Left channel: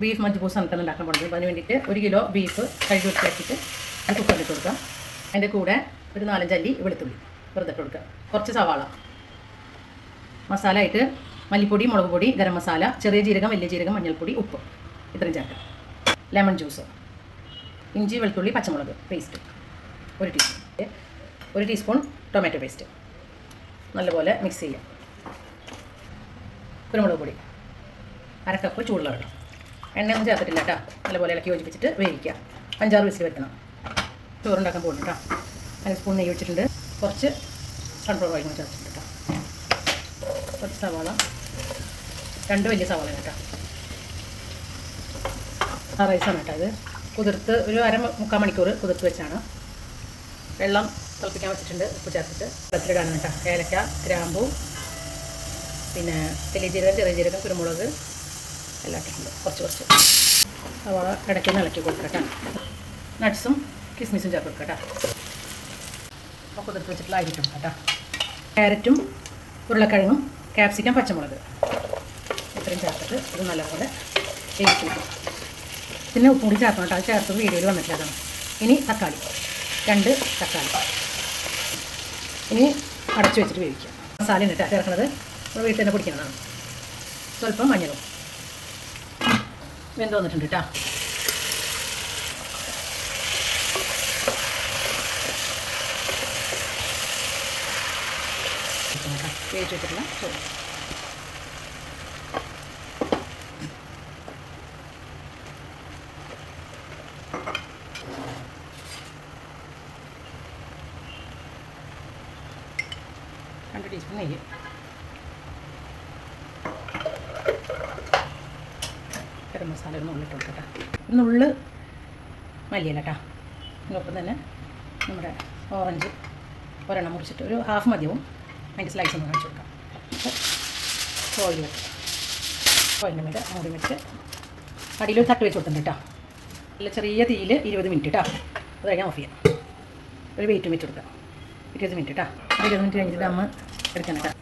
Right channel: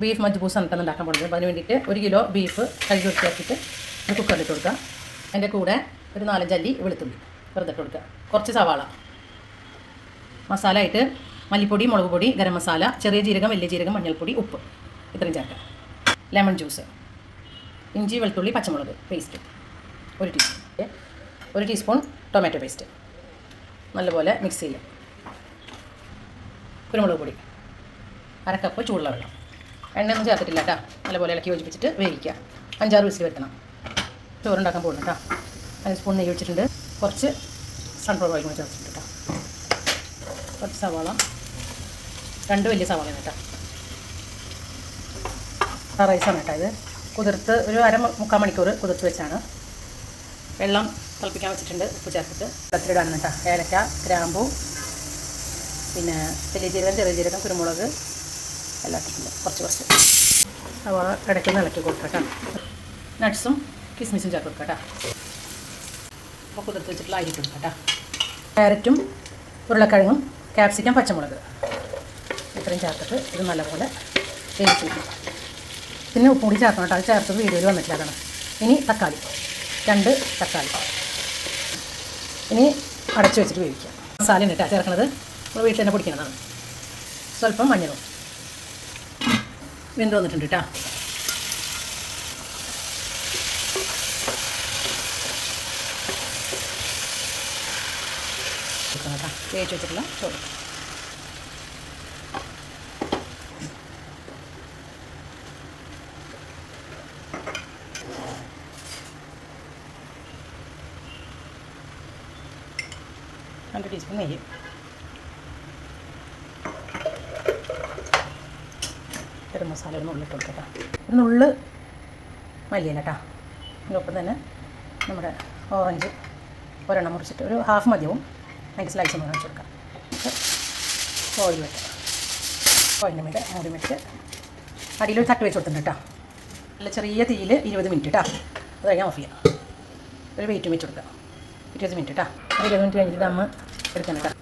Beef മജ്ബൂസാണ് കേട്ടോ ഉണ്ടാക്കാൻ പോകുന്നത്. അപ്പോൾ അതിന് വേണ്ടിയിട്ട് 1 കിലോ ബീഫ് കഴുകി വൃത്തിയാക്കിയിട്ട് അത് കുക്കറിലിട്ട് കൊടുക്കുക. അതിൻ്റെ കൂടെ ഒരു 4-5 അല്ലി വെളുത്തുള്ളി വെറുതെ ഇട്ട് കൊടുക്കുക. കുറച്ച് സവാള, മസാല ആയിട്ട് മല്ലിപ്പൊടി, മുളക് പൊടി, ഗരം മസാല, ചെറിയ ജീരകം, വലിയ ജീരകം, മഞ്ഞൾപ്പൊടി, ഉപ്പ് ഇത്രയും ചേർക്കുക. ലെമൺ ജ്യൂസ്, ഇഞ്ചി വെളുത്തുള്ളി പച്ചമുളക് paste 1 teaspoon, 1 teaspoon tomato paste നല്ലപോലെ മിക്സ് ചെയ്യുക. കുരുമുളക് പൊടി, 1/2 കപ്പ് ചൂടുള്ള വെള്ളം. എണ്ണയൊന്നും ചേർത്തിട്ടില്ല കേട്ടോ. നല്ലപോലെ ഇളക്കി യോജിപ്പിച്ചിട്ട് വേവിക്കുക. 5-6 വിസിൽ വരുത്തണം. ചോറുണ്ടാക്കാൻ പോകുന്നു കേട്ടോ. 1 സ്പൂൺ നെയ്യ് വെച്ചിട്ടുണ്ട്. കുറച്ച് സൺഫ്ലവർ ഓയിൽ ചേർത്തിട്ടുണ്ട് കേട്ടോ. കുറച്ച് സവാള, 2 വലിയ സവാള കേട്ടോ. റൈസാണ് കേട്ടോ. ഇത് കുതിർത്ത് ഒരു 1/2-3/4 മണിക്കൂർ കുതിർത്ത് വെച്ചാണ്. വെള്ളം തിളപ്പിക്കാൻ വെച്ചിട്ടുണ്ട്. ഉപ്പ് ചേർത്തിട്ട് വെള്ളത്തിലിടാണ് കേട്ടോ. ഏലക്ക, ഗ്രാമ്പൂ, പിന്നെ വലിയ ജീരകം, ചെറിയ ജീരകം, കുരുമുളക് എല്ലാം ഇട്ടിട്ടുണ്ട്. കുറച്ച് സവാള ഇടയ്ക്കൊന്ന് ഇളക്കി കൊടുക്കുക കേട്ടോ. നട്ട്സും കിസ്മിസും ചേർത്ത് കൊടുക്കുക കേട്ടോ. അപ്പോൾ കുതിർത്ത് വെച്ചിട്ടുള്ള അരി ഇട്ട് കേട്ടോ. ക്യാരറ്റും ഉരുളക്കിഴങ്ങും ക്യാപ്സിക്കം, പച്ചമുളക് ഇത്രയും ചേർത്തിട്ട് ഇത് നല്ലപോലെ വേവിച്ചിരിക്കും. പിന്നെ ഉപ്പും കൂടി ചേർക്കണം കേട്ടോ. അത് ചേർത്തത് വീഡിയോയിൽ വന്നിട്ടില്ല, അതാണ്. ഇനി തക്കാളി, 2 തക്കാളി. ഇനി അടച്ച് വെച്ചിട്ട് വേവിക്കുക. മസാല ഉണ്ട് കേട്ടോ ചേർക്കുന്നത്. നമ്മൾ വീട്ടിൽ തന്നെ പൊടിക്കുന്നതാണ്. സ്വല്പം മഞ്ഞളും. വെന്ത് വന്നിട്ടുണ്ട് കേട്ടോ. വേവിച്ച് വെച്ചിട്ടുള്ള ചോറ്. രണ്ട് ടീസ്പൂൺ നെയ്യ്, ഗരം മസാല ഒരു നുള്ളിട്ട് കൊടുക്കട്ടോ. ഒരു നുള്ള് മല്ലിയില കേട്ടോ. അതിനൊപ്പം തന്നെ നമ്മുടെ ഓറഞ്ച് ഒരെണ്ണം മുറിച്ചിട്ട് ഒരു ഹാഫ് മതിയാവും. അതിൻ്റെ സ്ലൈസ് ഒന്ന് കാണിച്ച് കൊടുക്കാം. ഓയിൽ വെക്കാം. ഓയിലിൻ്റെ മേലെ മൂടി വെച്ച് അടിയിലൊരു തട്ട് വെച്ച് കൊടുത്തിട്ടുണ്ട് കേട്ടോ. നല്ല ചെറിയ തീയിൽ 20 മിനിറ്റ് കേട്ടോ. അത് കഴിഞ്ഞാൽ ഓഫ് ചെയ്യാം. ഒരു വെയിറ്റും വെച്ച് കൊടുക്കാം. 20 മിനിറ്റ് കേട്ടോ. 20 മിനിറ്റ് കഴിഞ്ഞിട്ട് ദമ്മ് എടുക്കണം കേട്ടോ.